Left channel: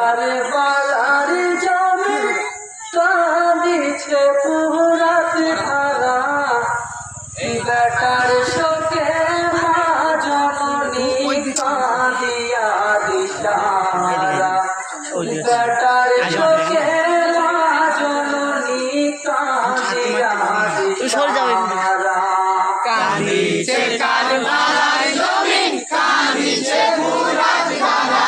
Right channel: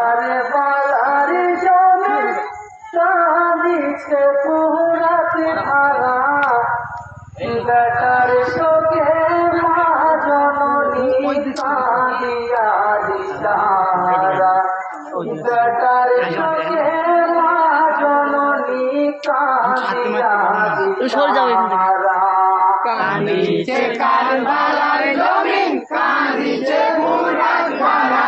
আরে বালারে জমে কাঁদিছে পুরাতে ধারা, বেটার শোকে মা জননী কাঁদিয়া দিশাহারা, বেটার শোকে মা জননী কাঁদিয়া দিশাহারা। কাঁদিছে কারবালার জমিন, কাঁদিছে ফুরাত ধারা,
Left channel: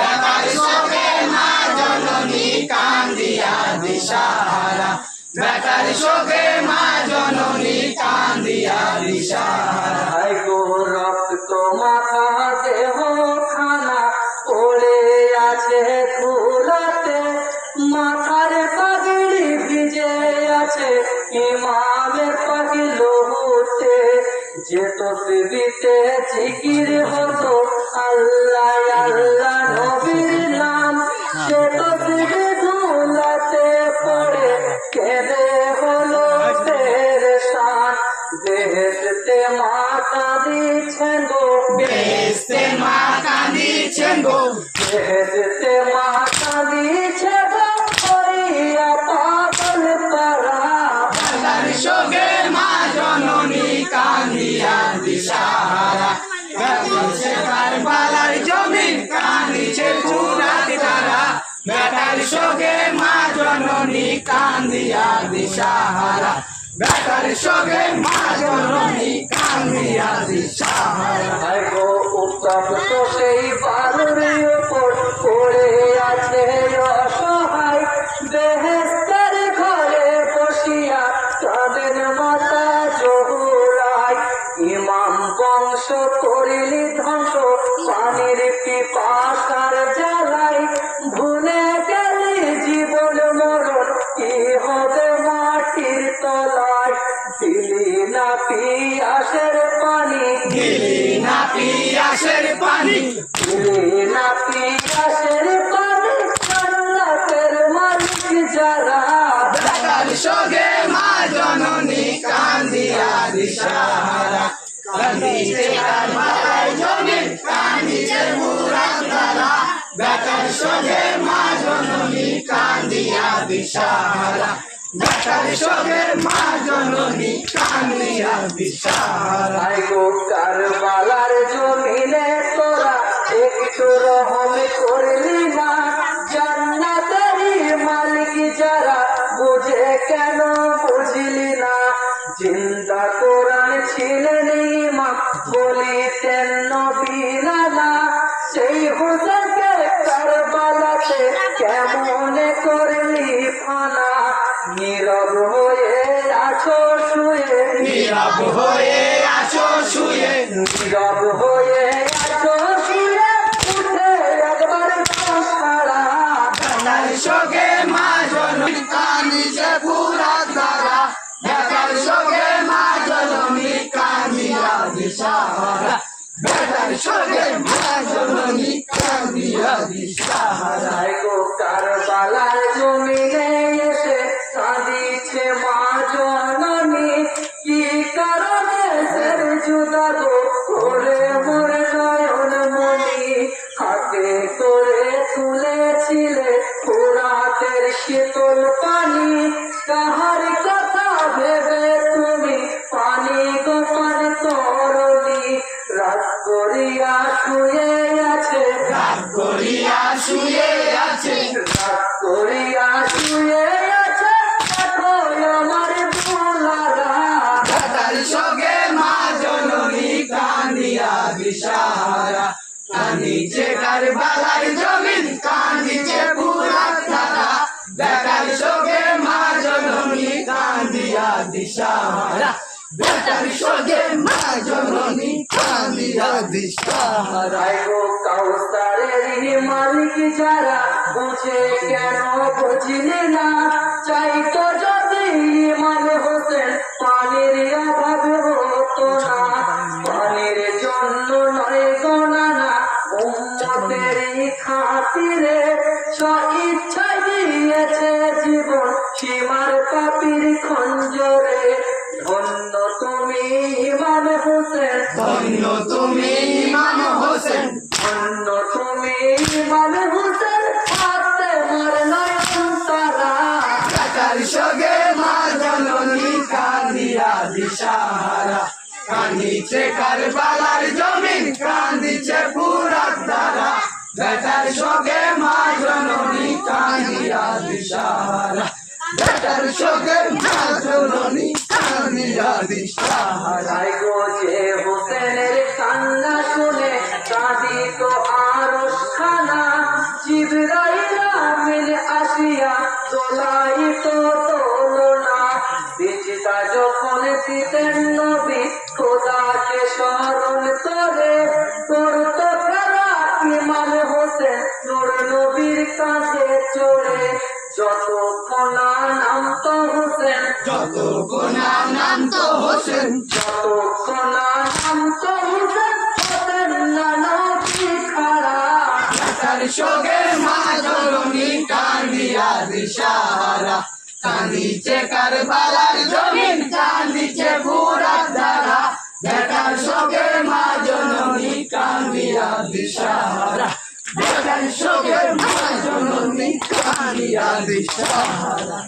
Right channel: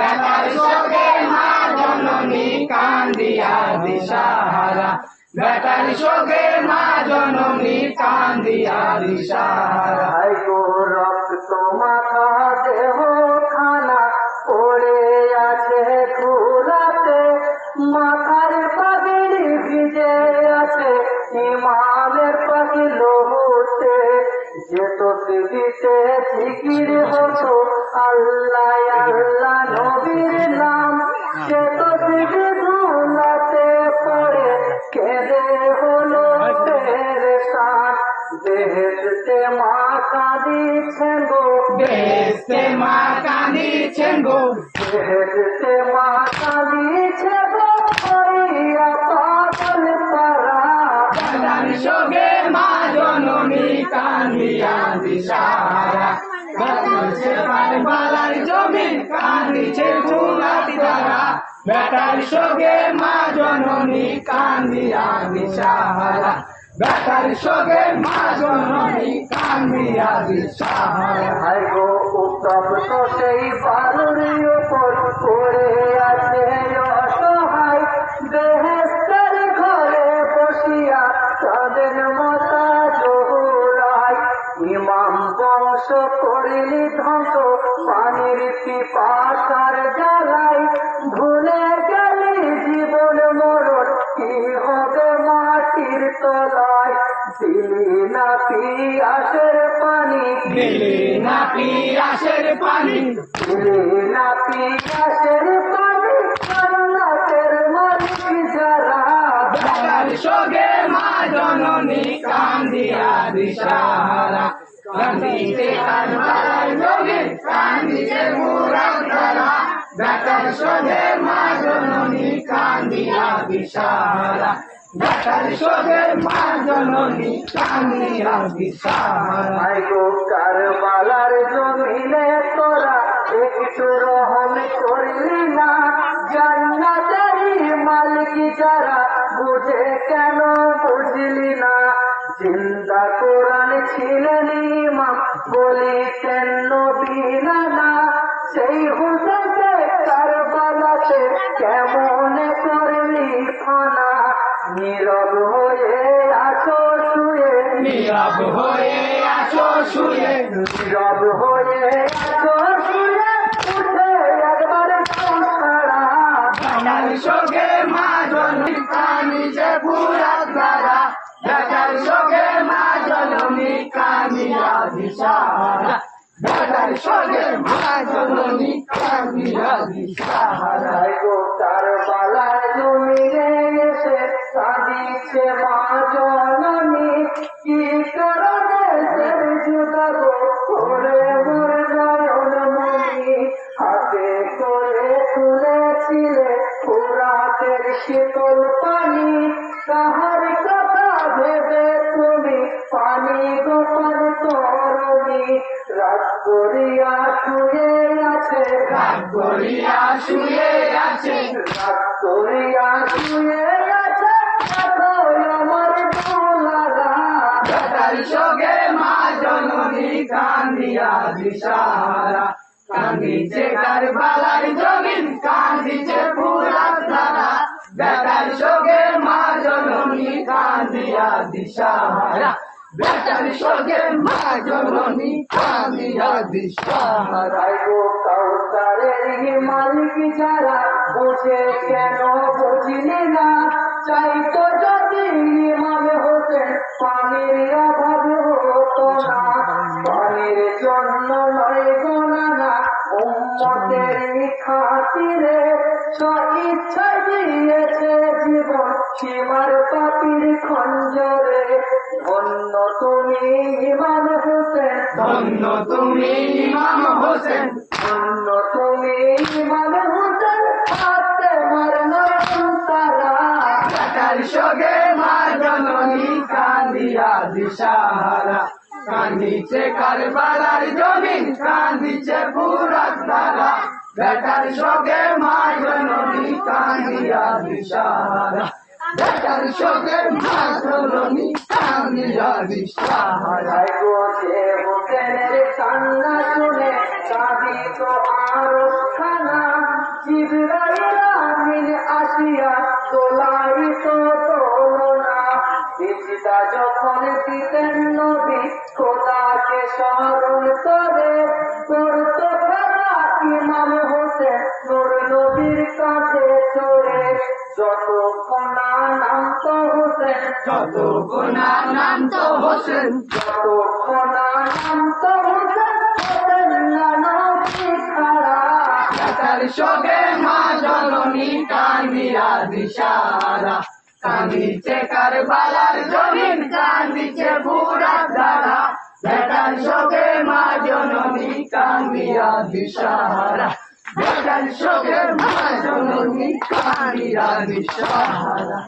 বেটার শোকে মা জননী কান্দিয়া দিশাহারা, বেটার শোকে মা জননী কান্দিয়া দিশাহারা। গো রক্ত মাখা দেহ খানা পড়ে আছে ধুলাতে, মাথার পাগড়ি ভিজে আছে ইমামের পাগলুতে, যে তসবিতে জিকির হতো আল্লাহ আল্লাহ নবীর নাম, সে তসবি ধুলাতে পড়ে কেঁদে হলো পেরেশান। বেহেশতে মা কাঁদিছেন গো, বেহেশতে মা কাঁদিছেন গো, বেহেশতে মা কাঁদিছে গো, হরিয়া পাগল পারা, বেটার শোকে মা জননী কান্দিয়া দিশাহারা, কাঁদিছে কারবালার জমিন, কাঁদিছে ফুরাত ধারা, বেটার শোকে মা জননী কান্দিয়া দিশাহারা, বেটার শোকে মা জননী কান্দিয়া দিশাহারা। গো উত্তপ্ত সেই বালুর উপর পড়ে আছে অসহায়, বেহেশতের ঘরে বসিয়া তাদের মাতা জহুরায়, ইমাম বংশ করিলি ধ্বংস পানির পিপাসার জ্বালাই, ভুলে গেলি জীবন মরণ কি হবে মাটির তলায়, দিলি না পিয়াসের পানি, দিলি না পিয়াসের পানি, দিলি না পিয়াসের পানি, জান্নাতের মালিক যারা, বেটার শোকে মা জননী কান্দিয়া দিশাহারা, কাঁদিছে কারবালার জমিন, কাঁদিছে ফুরাত ধারা, বেটার শোকে মা জননী কান্দিয়া দিশাহারা, বেটার শোকে মা জননী কান্দিয়া দিশাহারা। গো কারবালার জমিনে তোরা একটু রহম করলি না, জান্নাতেরই মালিক যারা বুঝে কেন বুঝলি না, জিন্দা কোরআন ছিলেন ইমাম বলিতেন নবী নানা, সেই হুসেনকে কারবালাতে কেমনে করলি ফানা, নীরব হয়ে আছো শুয়ে, নীরব হয়ে আছো শুয়ে, নীরব হয়ে আছো শুয়ে, উঠে একবার ছাড়া, বেটার শোকে মা জননী কাঁদিছে ফুরাত ধারা, বেটার শোকে মা জননী কান্দিয়া দিশাহারা, বেটার শোকে মা জননী কান্দিয়া দিশাহারা। গো কারবালার জমিনে এসে কাঁদিছে মা জননী, কি কারণে সের জুদা গো করে মোর নয়ন মনি, হাতে করে তুলেছিলে ফুরাতের শীতল পানি, কাহার কথা ভেবে তুমি পানি গোপন তরণী, রাত করিয়া শুয়ে আছে, রাত করিয়া শুয়ে আছে, রাত করিয়া শুয়ে আছে, দেখো আমার বোলারা, বেটার শোকে মা জননী কান্দিয়া দিশাহারা, কাঁদিছে কারবালার জমিন, কাঁদিছে ফুরাত ধারা, বেটার শোকে মা জননী কান্দিয়া দিশাহারা, বেটার শোকে মা জননী কান্দিয়া দিশাহারা। গো কাউসারের মালিক যারা বুঝে কেন বুঝলি না, চাইতো যদি ইমাম হোসেন পানির অভাব হতো না, পানির জন্য নয় গো নানা উম্মতেরই খাতিরে, স্বইচ্ছায় দিয়েছে জীবন সীমার পাপীর খঞ্জরে, ধন্য তুমি ইমাম হোসেন, ধন্য তুমি ইমাম হোসেন, ধন্য তুমি ইমাম হোসেন, কারবালার জমিন কান্দিছে ফুরাত ধারা বেটার শোকে মা জননী কান্দিয়া দিশাহারা বেটার শোকে মা জননী কান্দিয়া দিশাহারা ভাই গো যে হোসেনের কান্না শুনে কাঁদিত আরশ খানা জিবরাইল আমিন আসিয়া তোলাইত তোলনা সিজদা যখন দিতেন নবী খোদাকে স্মরণ করে করতো তারা ইমাম হোসেন নূর নবীর কাছে চড়ে যতক্ষণ না নামতো হোসেন যত গুণা নাম তো হোসেন যতক্ষণ না নামতো হোসেন হতেন না নবী খাড়া বেটার শোকে মা জননী কান্দিয়া দিশাহারা কান্দিছে কারবালার জমিন কান্দিছে ফুরাত ধারা বেটার শোকে মা জননী কান্দিয়া দিশাহারা বেটার শোকে মা জননী কান্দিয়া দিশাহারা